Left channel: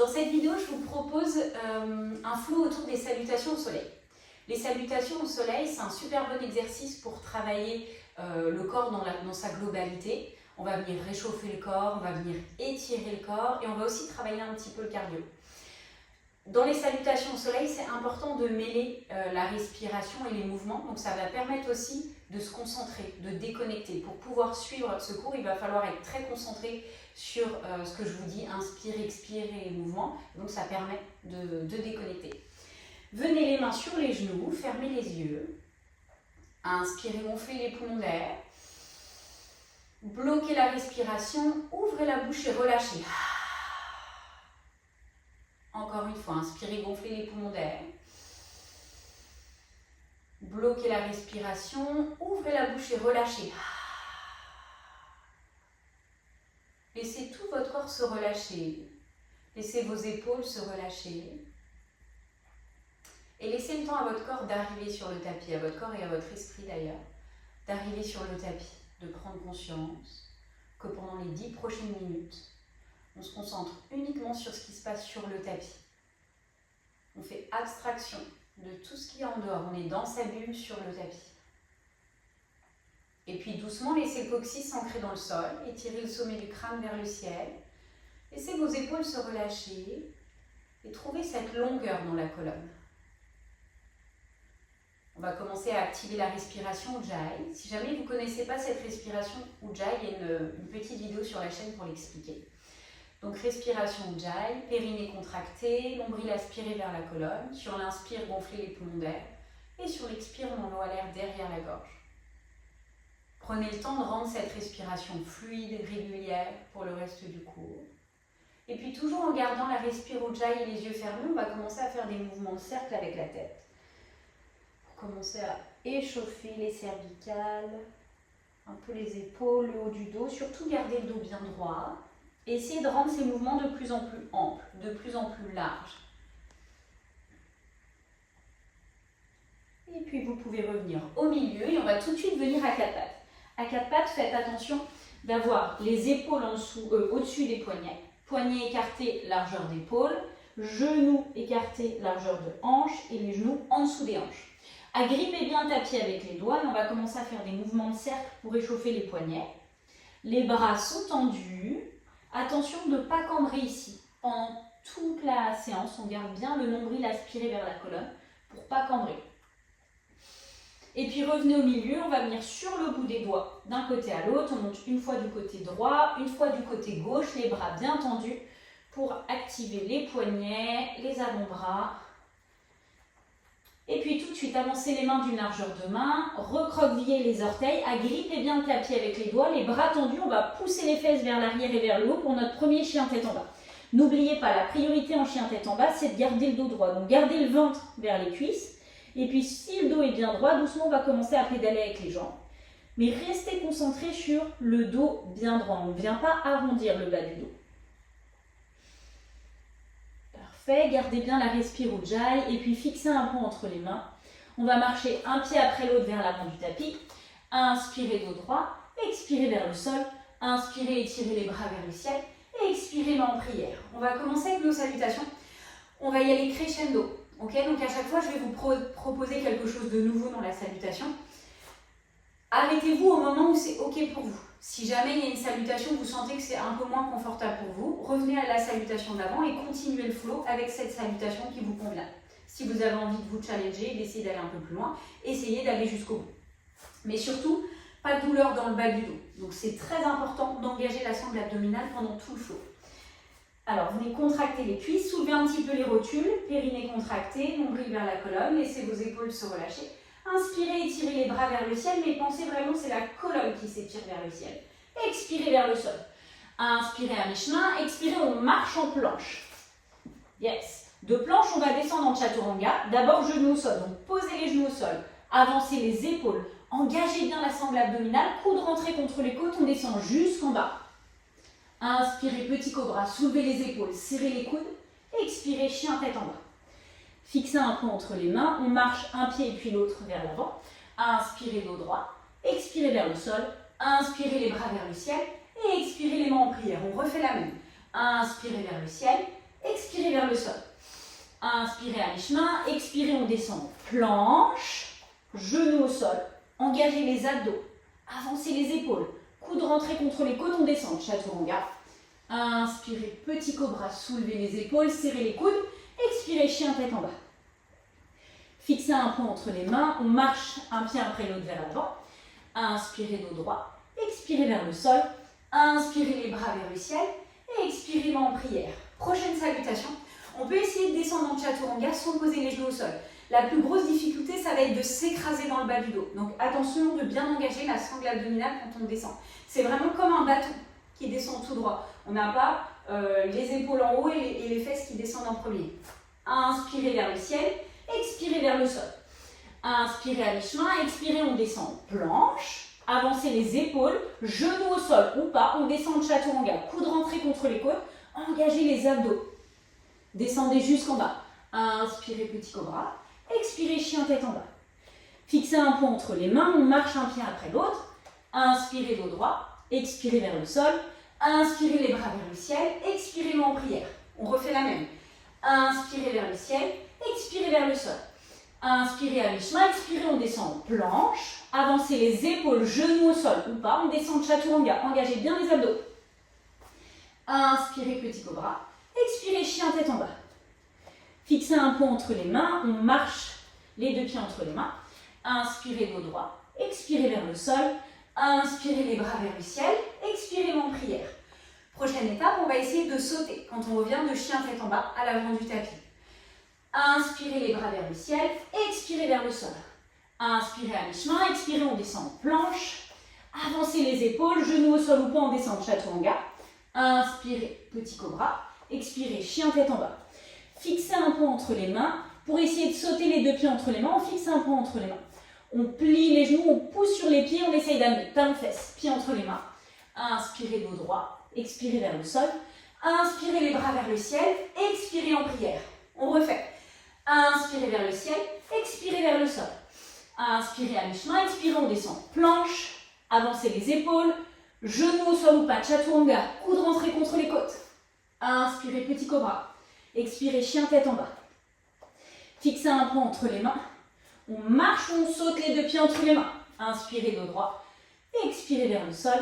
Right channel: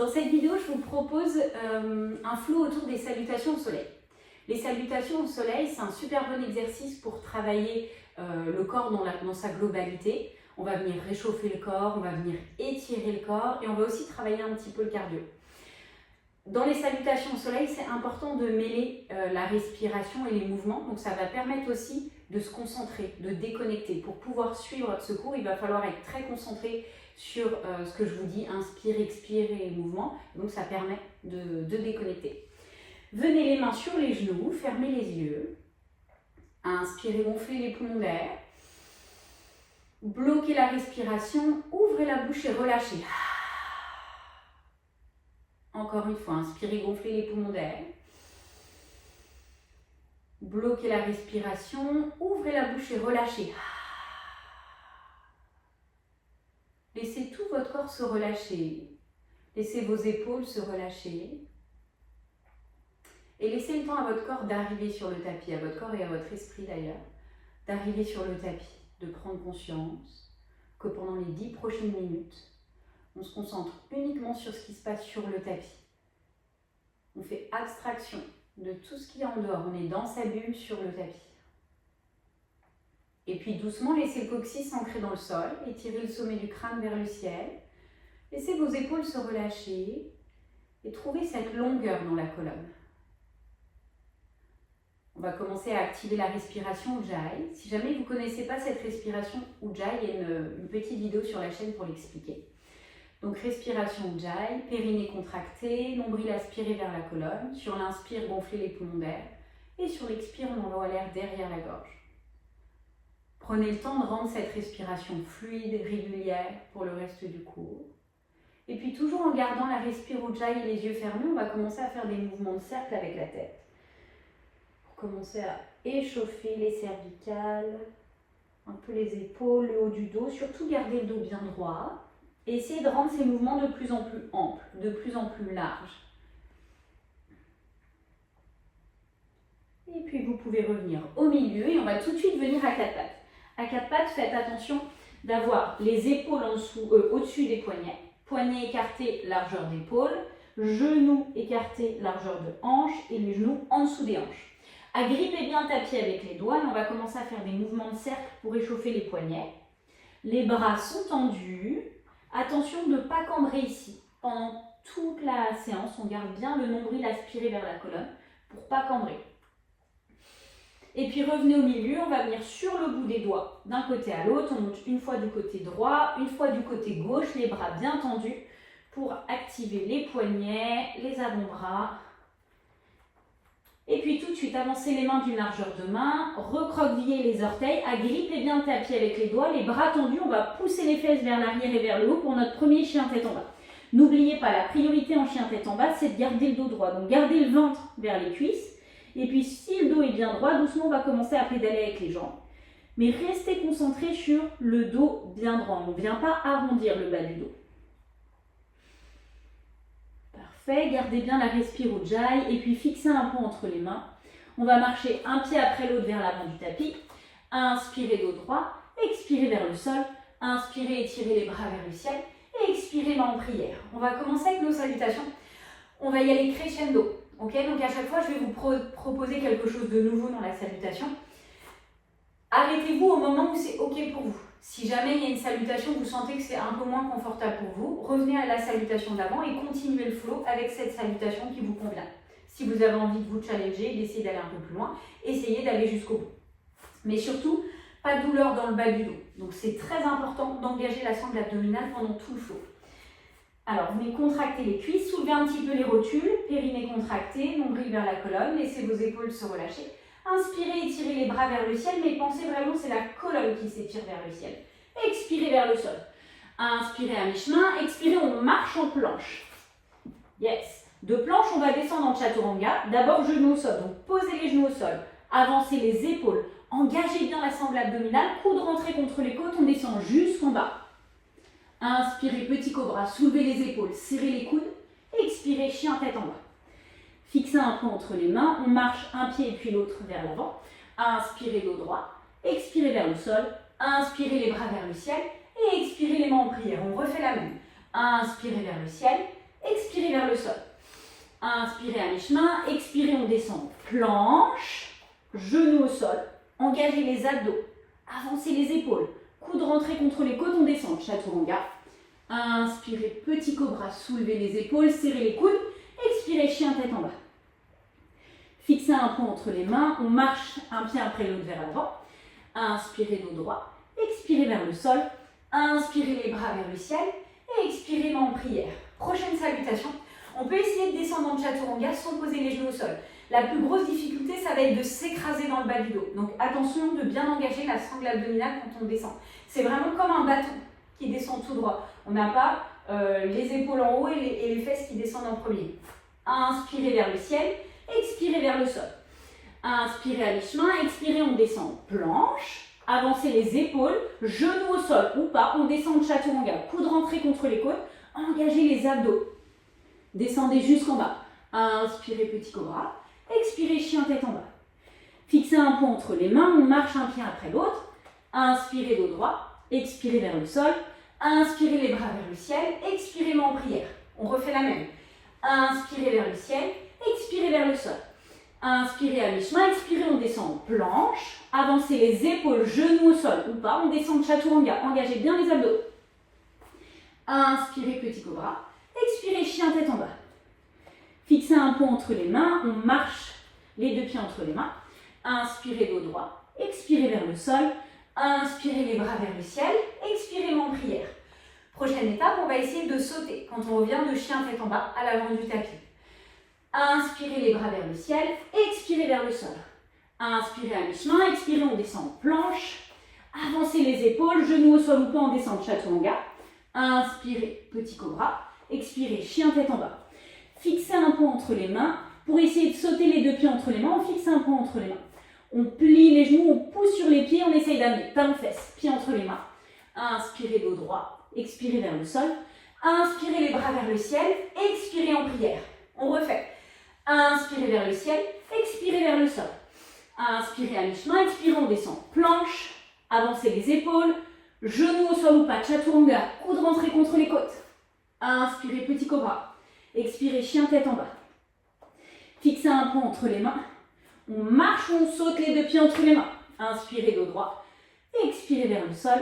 Dans cette vidéo, je vous propose un flow autour des salutations au soleil. Les salutations au soleil, c'est un super bon exercice pour travailler le corps dans sa globalité. On va venir réchauffer le corps, on va venir étirer le corps et on va aussi travailler un petit peu le cardio. Dans les salutations au soleil, c'est important de mêler la respiration et les mouvements. Donc ça va permettre aussi de se concentrer, de déconnecter. Pour pouvoir suivre ce cours, il va falloir être très concentré sur ce que je vous dis, inspire, expire et mouvement. Donc ça permet de déconnecter. Venez les mains sur les genoux, fermez les yeux. Inspirez, gonflez les poumons d'air. Bloquez la respiration, ouvrez la bouche et relâchez. Encore une fois, inspirez, gonflez les poumons d'air. Bloquez la respiration, ouvrez la bouche et relâchez. Laissez tout votre corps se relâcher. Laissez vos épaules se relâcher. Et laissez le temps à votre corps d'arriver sur le tapis, à votre corps et à votre esprit d'ailleurs, d'arriver sur le tapis, de prendre conscience que pendant les 10 prochaines minutes, on se concentre uniquement sur ce qui se passe sur le tapis. On fait abstraction de tout ce qu'il y a en dehors. On est dans sa bulle sur le tapis. Et puis doucement, laissez le coccyx s'ancrer dans le sol. Étirez le sommet du crâne vers le ciel. Laissez vos épaules se relâcher. Et trouvez cette longueur dans la colonne. On va commencer à activer la respiration Ujjayi. Si jamais vous ne connaissez pas cette respiration Ujjayi, il y a une petite vidéo sur la chaîne pour l'expliquer. Donc respiration Ujjayi, périnée contracté, nombril aspiré vers la colonne. Sur l'inspire, gonflez les poumons d'air. Et sur l'expire, on envoie l'air derrière la gorge. Prenez le temps de rendre cette respiration fluide, régulière pour le reste du cours. Et puis toujours en gardant la respiration Ujjayi et les yeux fermés, on va commencer à faire des mouvements de cercle avec la tête. Pour commencer à échauffer les cervicales, un peu les épaules, le haut du dos. Surtout garder le dos bien droit. Et essayez de rendre ces mouvements de plus en plus amples, de plus en plus larges. Et puis vous pouvez revenir au milieu et on va tout de suite venir à quatre pattes. À quatre pattes, faites attention d'avoir les épaules en dessous, au-dessus des poignets. Poignets écartés, largeur d'épaule. Genoux écartés, largeur de hanche. Et les genoux en dessous des hanches. Agrippez bien le tapis avec les doigts et on va commencer à faire des mouvements de cercle pour réchauffer les poignets. Les bras sont tendus. Attention de ne pas cambrer ici. Pendant toute la séance, on garde bien le nombril aspiré vers la colonne pour ne pas cambrer. Et puis revenez au milieu, on va venir sur le bout des doigts d'un côté à l'autre. On monte une fois du côté droit, une fois du côté gauche, les bras bien tendus pour activer les poignets, les avant-bras. Et puis tout de suite, avancez les mains d'une largeur de main, recroquevillez les orteils, agrippez bien le tapis avec les doigts, les bras tendus, on va pousser les fesses vers l'arrière et vers le haut pour notre premier chien tête en bas. N'oubliez pas, la priorité en chien tête en bas, c'est de garder le dos droit. Donc gardez le ventre vers les cuisses. Et puis si le dos est bien droit, doucement on va commencer à pédaler avec les jambes. Mais restez concentré sur le dos bien droit. On ne vient pas arrondir le bas du dos. Parfait, gardez bien la respiration Ujjayi et puis fixez un peu entre les mains. On va marcher un pied après l'autre vers l'avant du tapis. Inspirez dos droit, expirez vers le sol. Inspirez, étirez les bras vers le ciel. Et expirez main en prière. On va commencer avec nos salutations. On va y aller crescendo. Okay, donc à chaque fois, je vais vous proposer quelque chose de nouveau dans la salutation. Arrêtez-vous au moment où c'est OK pour vous. Si jamais il y a une salutation, vous sentez que c'est un peu moins confortable pour vous, revenez à la salutation d'avant et continuez le flow avec cette salutation qui vous convient. Si vous avez envie de vous challenger, d'essayer d'aller un peu plus loin, essayez d'aller jusqu'au bout. Mais surtout, pas de douleur dans le bas du dos. Donc c'est très important d'engager la sangle abdominale pendant tout le flow. Alors, venez contracter les cuisses, soulevez un petit peu les rotules, périnée contracté, nombril vers la colonne, laissez vos épaules se relâcher. Inspirez, étirez les bras vers le ciel, mais pensez vraiment c'est la colonne qui s'étire vers le ciel. Expirez vers le sol. Inspirez à mi-chemin, expirez, on marche en planche. Yes. De planche, on va descendre en chaturanga. D'abord, genoux au sol. Donc, posez les genoux au sol. Avancez les épaules. Engagez bien la sangle abdominale. Coude rentré contre les côtes. On descend jusqu'en bas. Inspirez, petit cobra. Soulevez les épaules. Serrez les coudes. Expirez, chien tête en bas. Fixez un point entre les mains. On marche un pied et puis l'autre vers l'avant. Inspirez dos droit. Expirez vers le sol. Inspirez les bras vers le ciel. Et expirez les mains en prière. On refait la même. Inspirez vers le ciel. expirez vers le sol. Inspirez à mi-chemin, expirez, on descend. Planche, genoux au sol, engagez les abdos, avancez les épaules, coude rentré contre les côtes, on descend, chaturanga. Inspirez, petit cobra, soulevez les épaules, serrez les coudes, expirez, chien tête en bas. Fixez un point entre les mains, on marche un pied après l'autre vers l'avant. Inspirez dos droit, expirez vers le sol, inspirez les bras vers le ciel et expirez main en prière. Prochaine salutation, on peut essayer de descendre en chaturanga sans poser les genoux au sol. La plus grosse difficulté, ça va être de s'écraser dans le bas du dos. Donc attention de bien engager la sangle abdominale quand on descend. C'est vraiment comme un bâton qui descend tout droit. On n'a pas les épaules en haut et les fesses qui descendent en premier. Inspirez vers le ciel, expirez vers le sol. Inspirez à mi-chemin, expirez, on descend planche. Avancez les épaules, genoux au sol ou pas, on descend en chaturanga. Coude rentré contre les côtes, engagez les abdos. Descendez jusqu'en bas. Inspirez petit cobra, expirez chien tête en bas. Fixez un point entre les mains, on marche un pied après l'autre. Inspirez dos droit, expirez vers le sol. Inspirez les bras vers le ciel, expirez main en prière. On refait la même. Inspirez vers le ciel, expirez vers le sol. Inspirez à mi-chemin, expirez, on descend en planche. Avancez les épaules, genoux au sol ou pas, on descend de chaturanga. Engagez bien les abdos. Inspirez petit cobra, expirez chien tête en bas. Fixez un point entre les mains, on marche les deux pieds entre les mains. Inspirez dos droit, expirez vers le sol. Inspirez les bras vers le ciel, expirez en prière. Prochaine étape, on va essayer de sauter quand on revient de chien tête en bas à l'avant du tapis. Inspirez les bras vers le ciel, expirez vers le sol. Inspirez à mi-chemin, expirez, on descend en planche. Avancez les épaules, genoux au sol ou pas, on descend en chaturanga. Inspirez, petit cobra. Expirez, chien tête en bas. Fixez un point entre les mains. Pour essayer de sauter les deux pieds entre les mains, on fixe un point entre les mains. On plie les genoux, on pousse sur les pieds, on essaye d'amener talons fesses, pieds entre les mains. Inspirez dos droit, expirez vers le sol. Inspirez les bras vers le ciel, expirez en prière. On refait. Inspirez vers le ciel, expirez vers le sol. Inspirez à mi-chemin, expirez, on descend. Planche, avancez les épaules, genoux au sol ou pas, chaturanga, coude rentré contre les côtes. Inspirez, petit cobra. Expirez, chien tête en bas. Fixez un point entre les mains. On marche, on saute les deux pieds entre les mains. Inspirez dos droit. Expirez vers le sol.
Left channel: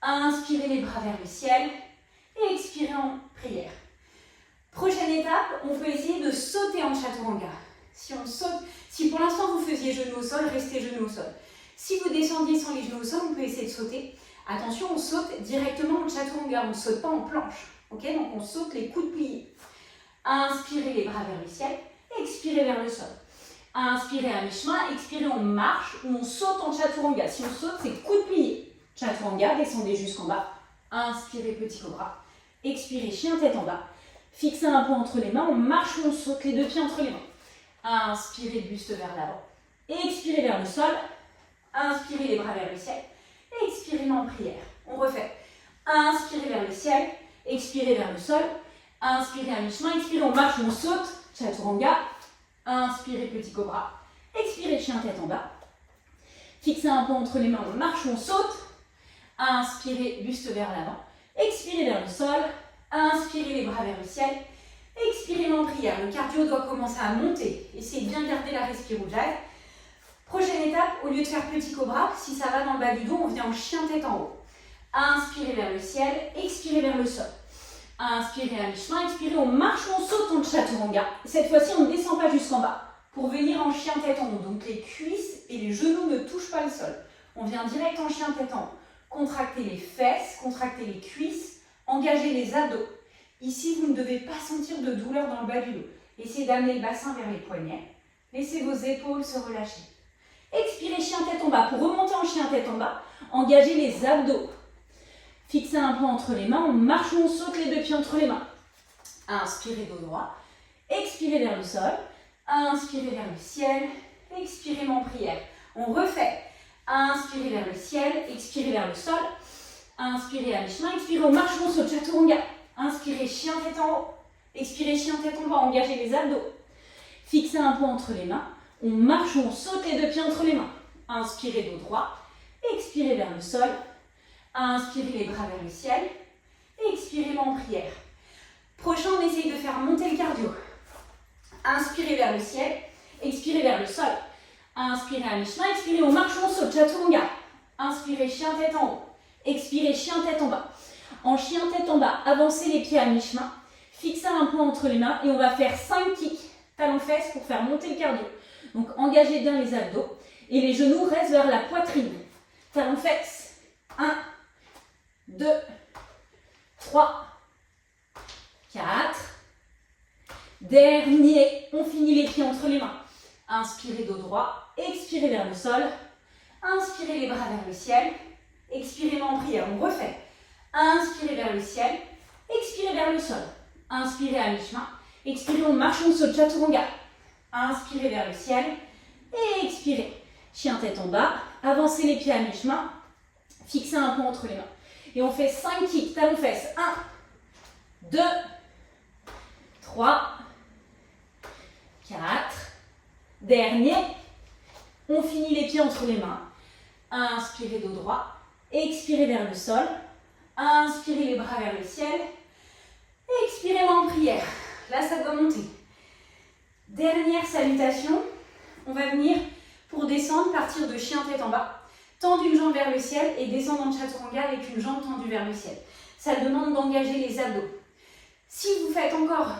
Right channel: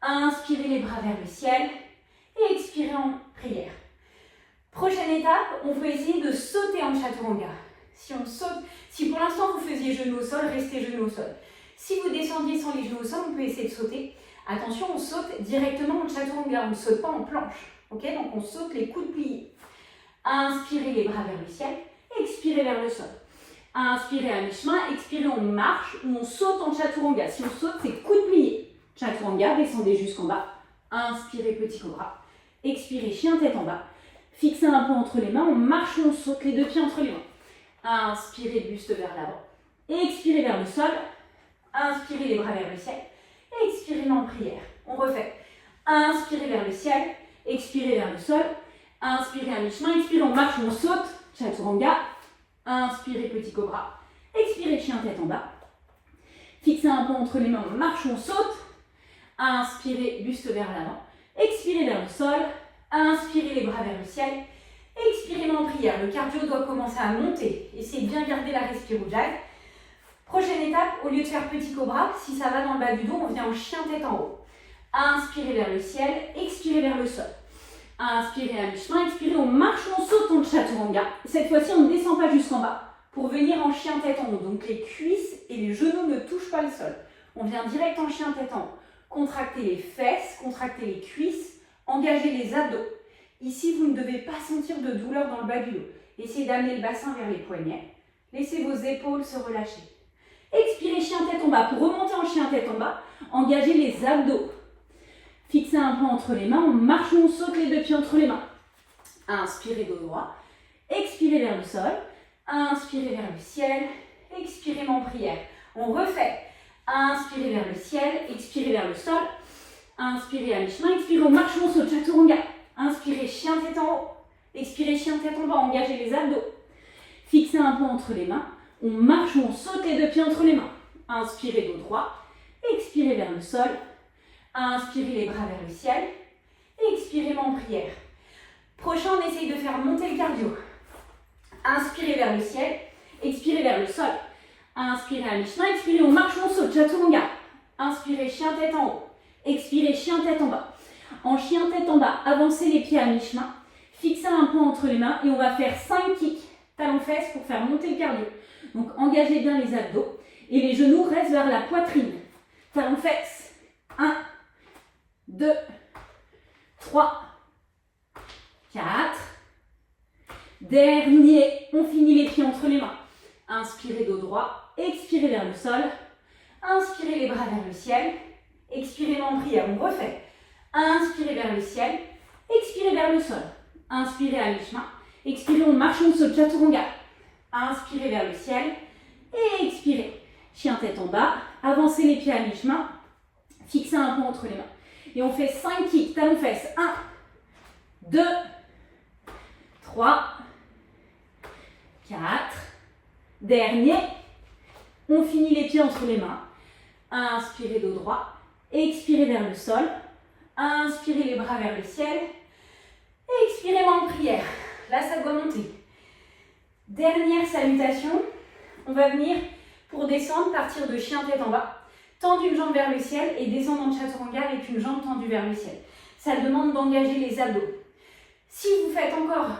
Inspirez les bras vers le ciel. Et expirez en prière. Prochaine étape, on peut essayer de sauter en chaturanga. Si on saute, si pour l'instant vous faisiez genoux au sol, restez genoux au sol. Si vous descendiez sans les genoux au sol, on peut essayer de sauter. Attention, on saute directement en chaturanga, on ne saute pas en planche. Okay, donc on saute les coudes pliés. Inspirez les bras vers le ciel, expirez vers le sol. Inspirez à mi-chemin, expirez, on marche ou on saute en chaturanga. Si on saute, c'est coudes pliés. Chaturanga, descendez jusqu'en bas. Inspirez, petit cobra. Expirez, chien tête en bas. Fixez un point entre les mains, on marche, on saute les deux pieds entre les mains. Inspirez, buste vers l'avant. Expirez vers le sol. Inspirez les bras vers le ciel. Expirez en prière. On refait. Inspirez vers le ciel. Expirez vers le sol. Inspirez à mi-chemin. Expirez, on marche, on saute. Chaturanga. Inspirez, petit cobra. Expirez, chien tête en bas. Fixez un point entre les mains, on marche, on saute. Inspirez, buste vers l'avant. Expirez vers le sol. Inspirez les bras vers le ciel. Expirez en prière. Le cardio doit commencer à monter. Essayez de bien garder la respiration ujjayi. Prochaine étape, au lieu de faire petit cobra, si ça va dans le bas du dos, on vient en chien tête en haut. Inspirez vers le ciel, expirez vers le sol. Inspirez à mi-chemin, expirez, on marche, on saute en chaturanga. Cette fois-ci, on ne descend pas jusqu'en bas pour venir en chien tête en haut. Donc les cuisses et les genoux ne touchent pas le sol. On vient direct en chien tête en haut. Contractez les fesses, contractez les cuisses, engagez les abdos. Ici, vous ne devez pas sentir de douleur dans le bas du dos. Essayez d'amener le bassin vers les poignets. Laissez vos épaules se relâcher. Expirez, chien tête en bas. Pour remonter en chien tête en bas, engagez les abdos. Fixez un point entre les mains, on marche ou on saute les deux pieds entre les mains. Inspirez dos droit, expirez vers le sol, inspirez vers le ciel, expirez en prière. On refait. Inspirez vers le ciel, expirez vers le sol, inspirez à mi-chemin, expirez, on marche ou on saute, chaturanga. Inspirez, chien tête en haut, expirez, chien tête en bas, engagez les abdos. Fixez un point entre les mains, on marche ou on saute les deux pieds entre les mains. Inspirez dos droit, expirez vers le sol, inspirez les bras vers le ciel, expirez en prière. Prochain, on essaye de faire faire monter le cardio. Inspirez vers le ciel, expirez vers le sol. Inspirez à mi-chemin, expirez, on marche, on saute, chaturanga. Inspirez, chien tête en haut. Expirez, chien tête en bas. En chien tête en bas, avancez les pieds à mi-chemin. Fixez un point entre les mains et on va faire 5 kicks talons-fesses pour faire monter le cardio. Donc engagez bien les abdos et les genoux restent vers la poitrine. Talons-fesses. 1, 2, 3, 4. Dernier, on finit les pieds entre les mains. Inspirez dos droit, expirez vers le sol. Inspirez les bras vers le ciel. Expirez en prière, on refait. Inspirez vers le ciel, expirez vers le sol. Inspirez à mi-chemin, expirez, on marche, on saute, chaturanga. Inspirez vers le ciel et expirez. Chien tête en bas, avancez les pieds à mi-chemin, fixez un point entre les mains. Et on fait 5 kicks, talons-fesses. 1, 2, 3, 4. Dernier. On finit les pieds entre les mains. Inspirez dos droit, expirez vers le sol. Inspirez les bras vers le ciel. Expirez main en prière. Là, ça doit monter. Dernière salutation. On va venir pour descendre, partir de chien tête en bas. Tendre une jambe vers le ciel et descendre en chaturanga avec une jambe tendue vers le ciel. Ça demande d'engager les abdos. Si vous faites encore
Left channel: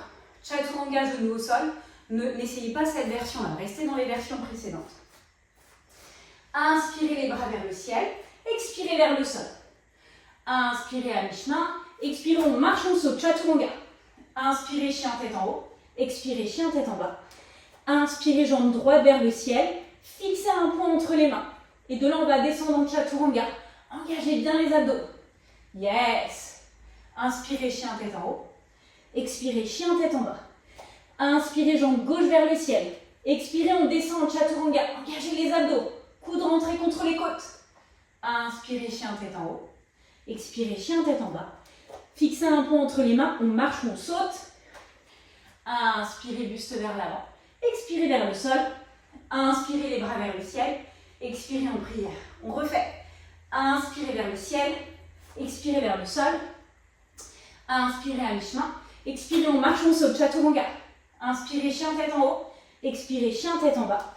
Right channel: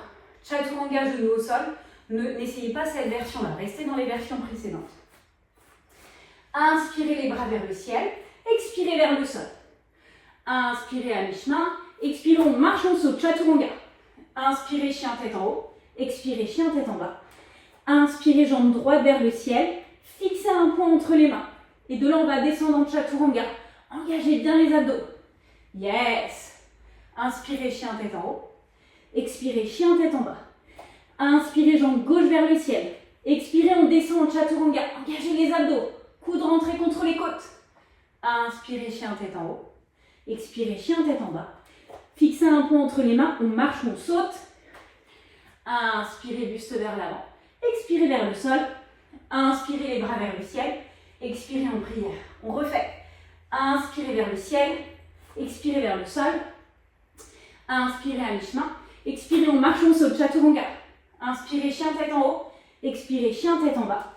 chaturanga genou au sol, n'essayez pas cette version-là. Restez dans les versions précédentes. Inspirez les bras vers le ciel. Expirez vers le sol. Inspirez à mi-chemin, expirez, on marche, on saute, chaturanga. Inspirez, chien tête en haut, expirez, chien tête en bas. Inspirez, jambe droite vers le ciel, fixez un point entre les mains. Et de là, on va descendre en chaturanga. Engagez bien les abdos. Yes. Inspirez, chien tête en haut, expirez, chien tête en bas. Inspirez, jambe gauche vers le ciel. Expirez, on descend en chaturanga. Engagez les abdos. Coude rentré contre les côtes. Inspirez, chien tête en haut. Expirez, chien tête en bas. Fixez un point entre les mains, on marche, on saute. Inspirez, buste vers l'avant. Expirez vers le sol. Inspirez les bras vers le ciel. Expirez en prière. On refait. Inspirez vers le ciel. Expirez vers le sol. Inspirez à mi-chemin. Expirez, on marche, on saute, chaturanga. Inspirez, chien tête en haut. Expirez, chien tête en bas.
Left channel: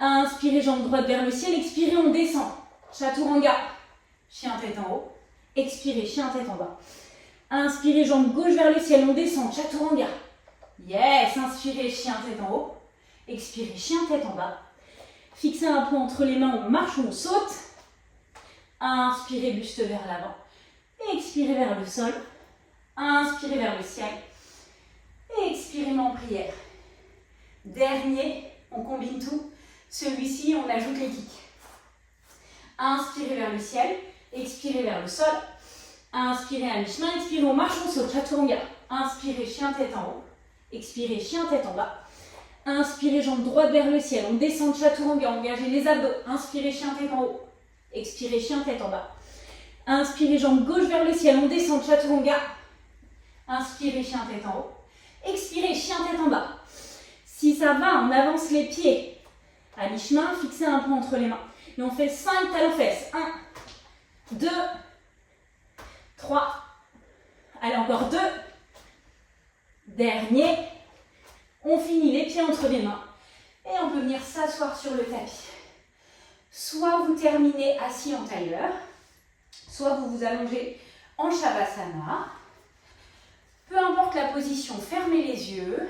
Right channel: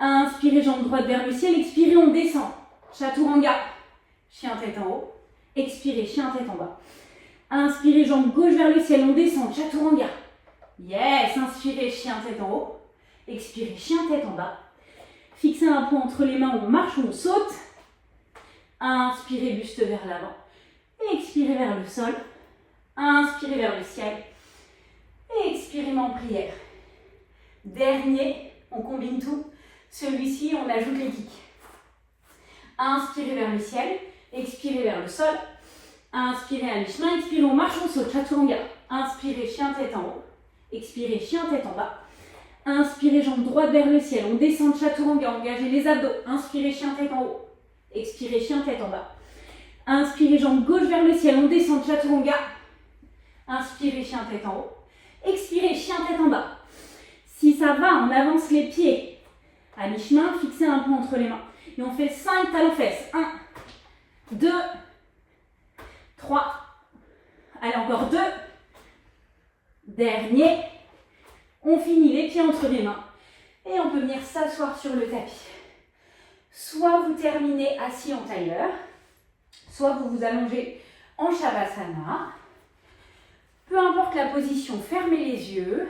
Inspirez, jambe droite vers le ciel. Expirez, on descend. Chaturanga. Chien tête en haut. Expirez, chien tête en bas. Inspirez, jambe gauche vers le ciel, on descend, chaturanga. Yes, inspirez, chien tête en haut. Expirez, chien tête en bas. Fixez un point entre les mains, on marche, on saute. Inspirez, buste vers l'avant. Expirez vers le sol. Inspirez vers le ciel. Expirez, main en prière. Dernier, on combine tout. Celui-ci, on ajoute les kicks. Inspirez vers le ciel. Expirez vers le sol. Inspirez à mi-chemin. Expirez, on marche, on saute. Chaturanga. Inspirez, chien tête en haut. Expirez, chien tête en bas. Inspirez, jambe droite vers le ciel. On descend, chaturanga. Engagez les abdos. Inspirez, chien tête en haut. Expirez, chien tête en bas. Inspirez, jambe gauche vers le ciel. On descend, chaturanga. Inspirez, chien tête en haut. Expirez, chien tête en bas. Si ça va, on avance les pieds à mi-chemin. Fixez un point entre les mains. Et on fait 5 talons-fesses. 1, 2, 3. Allez, encore 2. Dernier. On finit les pieds entre les mains. Et on peut venir s'asseoir sur le tapis. Soit vous terminez assis en tailleur, soit vous vous allongez en Shavasana. Peu importe la position, fermez les yeux.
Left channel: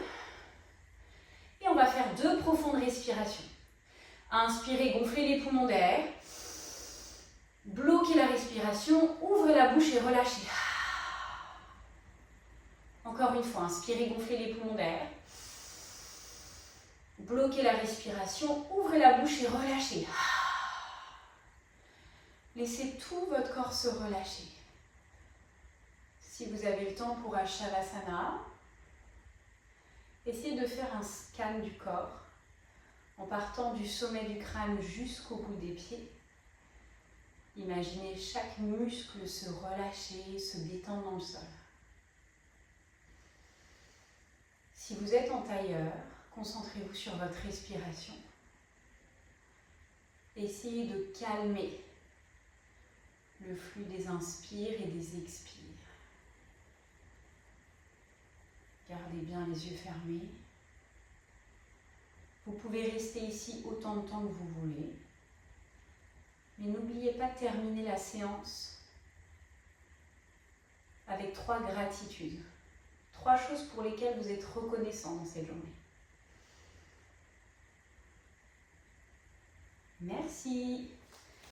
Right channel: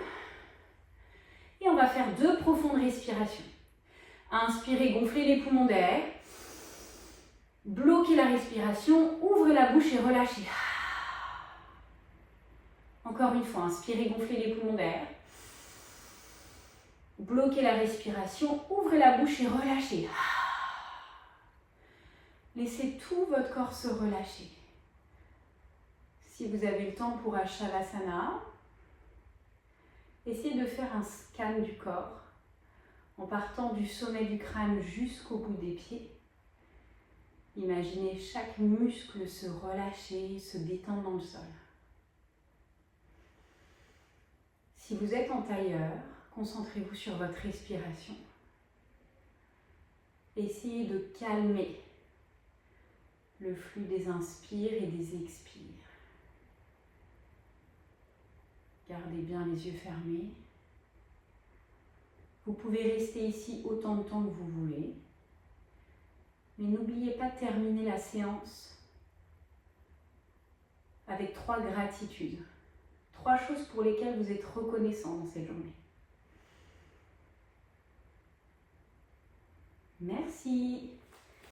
Et on va faire 2 profondes respirations. Inspirez, gonflez les poumons d'air. Bloquez la respiration, ouvrez la bouche et relâchez. Encore une fois, inspirez, gonflez les poumons d'air. Bloquez la respiration, ouvrez la bouche et relâchez. Laissez tout votre corps se relâcher. Si vous avez le temps pour un Shavasana, essayez de faire un scan du corps en partant du sommet du crâne jusqu'au bout des pieds. Imaginez chaque muscle se relâcher, se détendre dans le sol. Si vous êtes en tailleur, concentrez-vous sur votre respiration. Essayez de calmer le flux des inspires et des expires. Gardez bien les yeux fermés. Vous pouvez rester ici autant de temps que vous voulez. Mais n'oubliez pas de terminer la séance avec 3 gratitudes. 3 choses pour lesquelles vous êtes reconnaissant dans cette journée. Merci.